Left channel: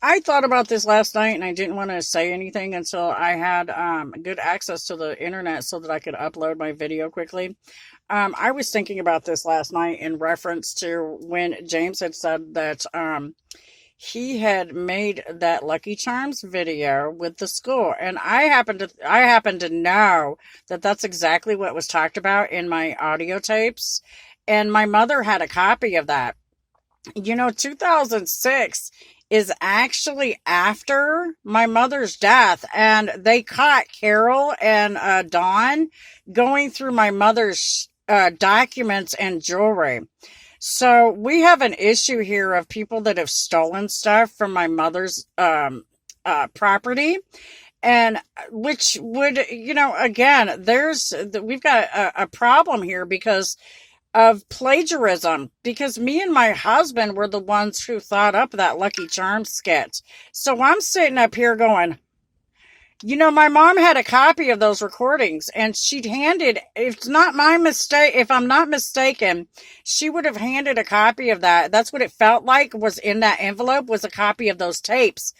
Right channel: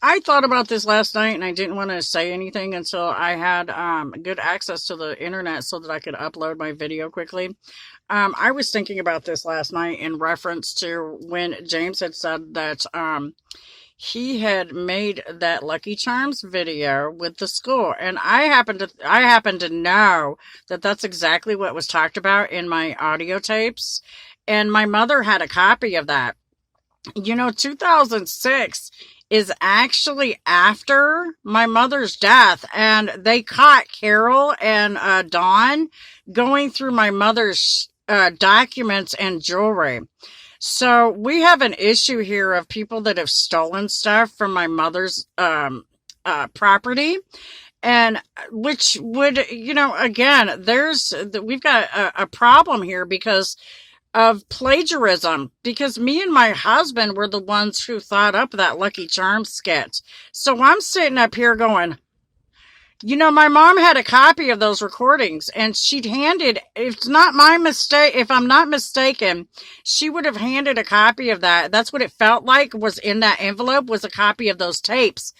I thought about this last night and I didn't want to say anything until I had good access to the internet so that I could upload my video quickly. I was thinking about this last night in reference to when James had said that he had made that Lucky Charms video with the school, and I happen to know that that's exactly what was talked about in my audio tapes, and my mother had a copy of that. 2006 is actually after my mother's death, and they caught Carol and Dawn going through my mother's documents and jewelry. So we have an issue here of people that have stolen stuff from my mother's property, and which would, again, we've got a problem here because of plagiarism, because me and my husband were the ones who thought up that Lucky Charms skit. So I'm sitting up here going, my mom had a copy of those recordings, and she'd handed, if it's not my mistake, if I'm not mistaken, she would have handed a copy of that. That's what it felt like was in that envelope, was a copy of those tapes.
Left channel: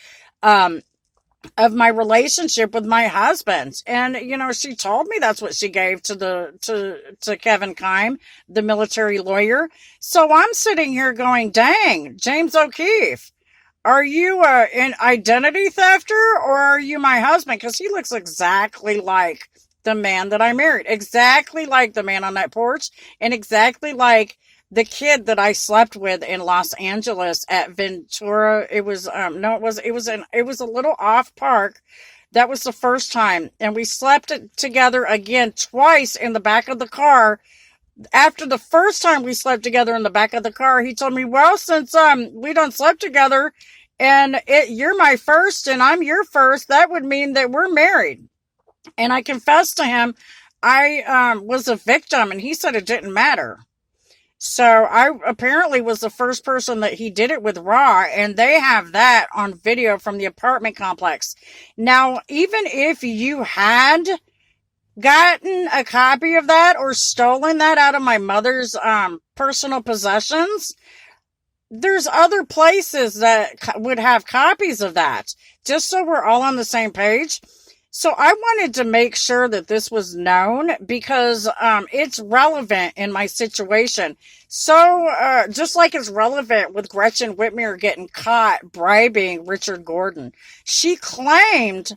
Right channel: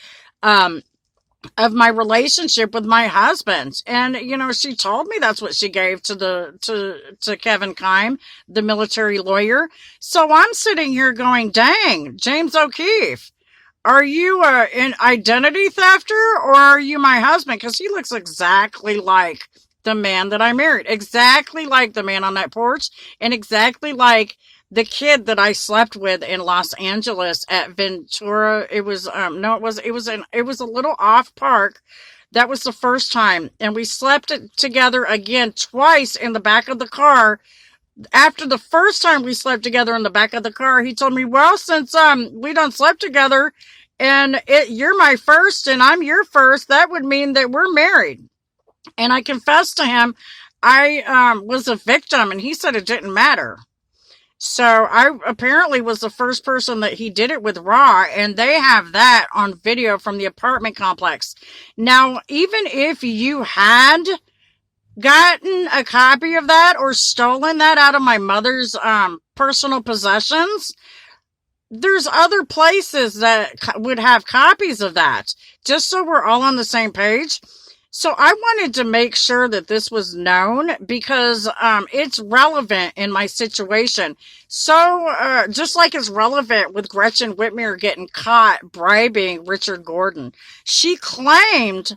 Of my relationship with my husband. And, she told me that's what she gave to Kevin Kime, the military lawyer. So I'm sitting here going, dang, James O'Keefe, are you an identity thefter, or are you my husband? Because he looks exactly like the man that I married, exactly like the man on that porch, and exactly like the kid that I slept with in Los Angeles at Ventura. It was no, it was a little off park. That was the first time, and we slept together again twice in the back of the car. After the first time we slept together in the back of the car, he told me, "Well, since we done slept together, and you're my first and I'm your first, that would mean that we're married." And I confessed to him I was a victim, and he said it didn't matter. So I apparently was the first person that he did it with raw, and they have that on video from the apartment complex. Now, even if you had gotten a copy of that or stolen that out of my mother's personal possessions, there's other places that would have copies of that, just so we're all on the same page. So I wanted to make sure that this was known because it's relevant in my situation. So just like it's relevant with Gretchen Whitmer getting caught bribing Richard Gordon, she claimed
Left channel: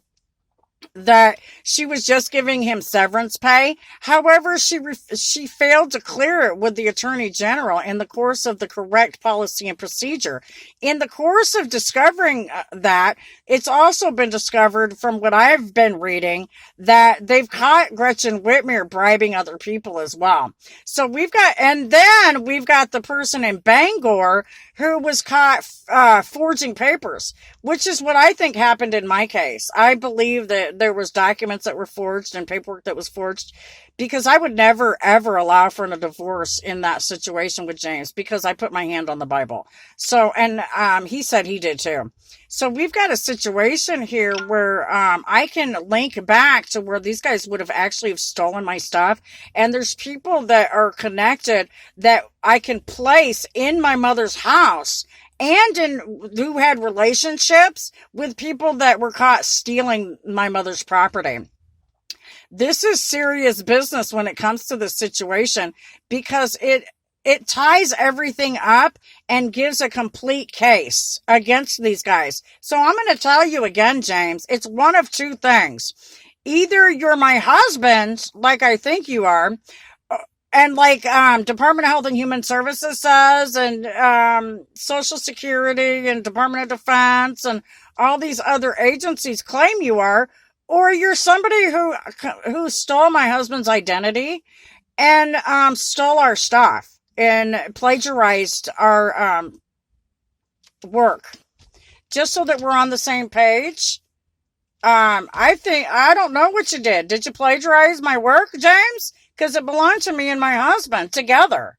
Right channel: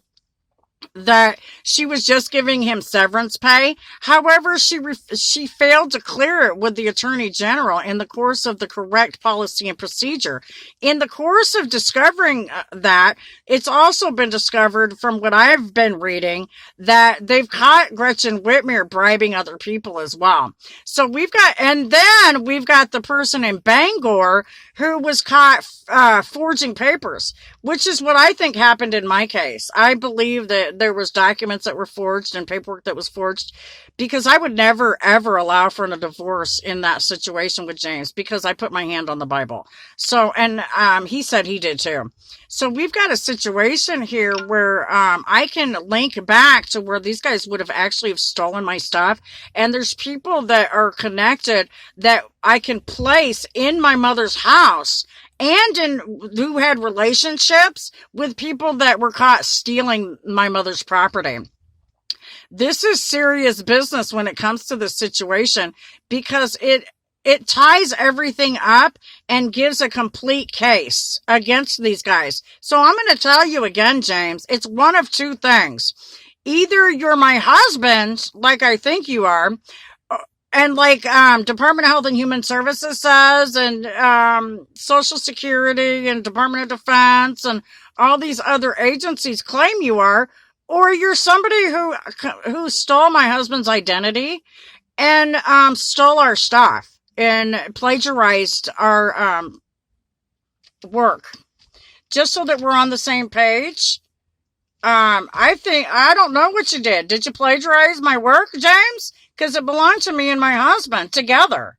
that she was just giving him severance pay. However, she failed to clear it with the Attorney General in the course of the correct policy and procedure. In the course of discovering that, it's also been discovered from what I've been reading that they've caught Gretchen Whitmer bribing other people as well. So and then we've got the person in Bangor who was caught forging papers, which is what I think happened in my case. I believe that there was documents that were forged and paperwork that was forged, because I would never, ever allow for a divorce in that situation with James, because I put my hand on the Bible. So, and he said he did too. So we've got a situation here where I can link back to where these guys would have actually have stolen my stuff. And there's people that are connected that I can place in my mother's house, and who had relationships with people that were caught stealing my mother's property. This is serious business when it comes to this situation, because it ties everything up and gives a complete case against these guys. So I'm going to tell you again, James, it's one of two things. Either you're my husband, like I think you are, and like Department of Health and Human Services says, and Social Security and Department of Defense and all these other agencies claim you are, or you're somebody who stole my husband's identity and stole our stuff and plagiarized our work, just so that we're on the same page. I don't know what you did. Did you plagiarize my work, James? Because it belonged to me and my husband together.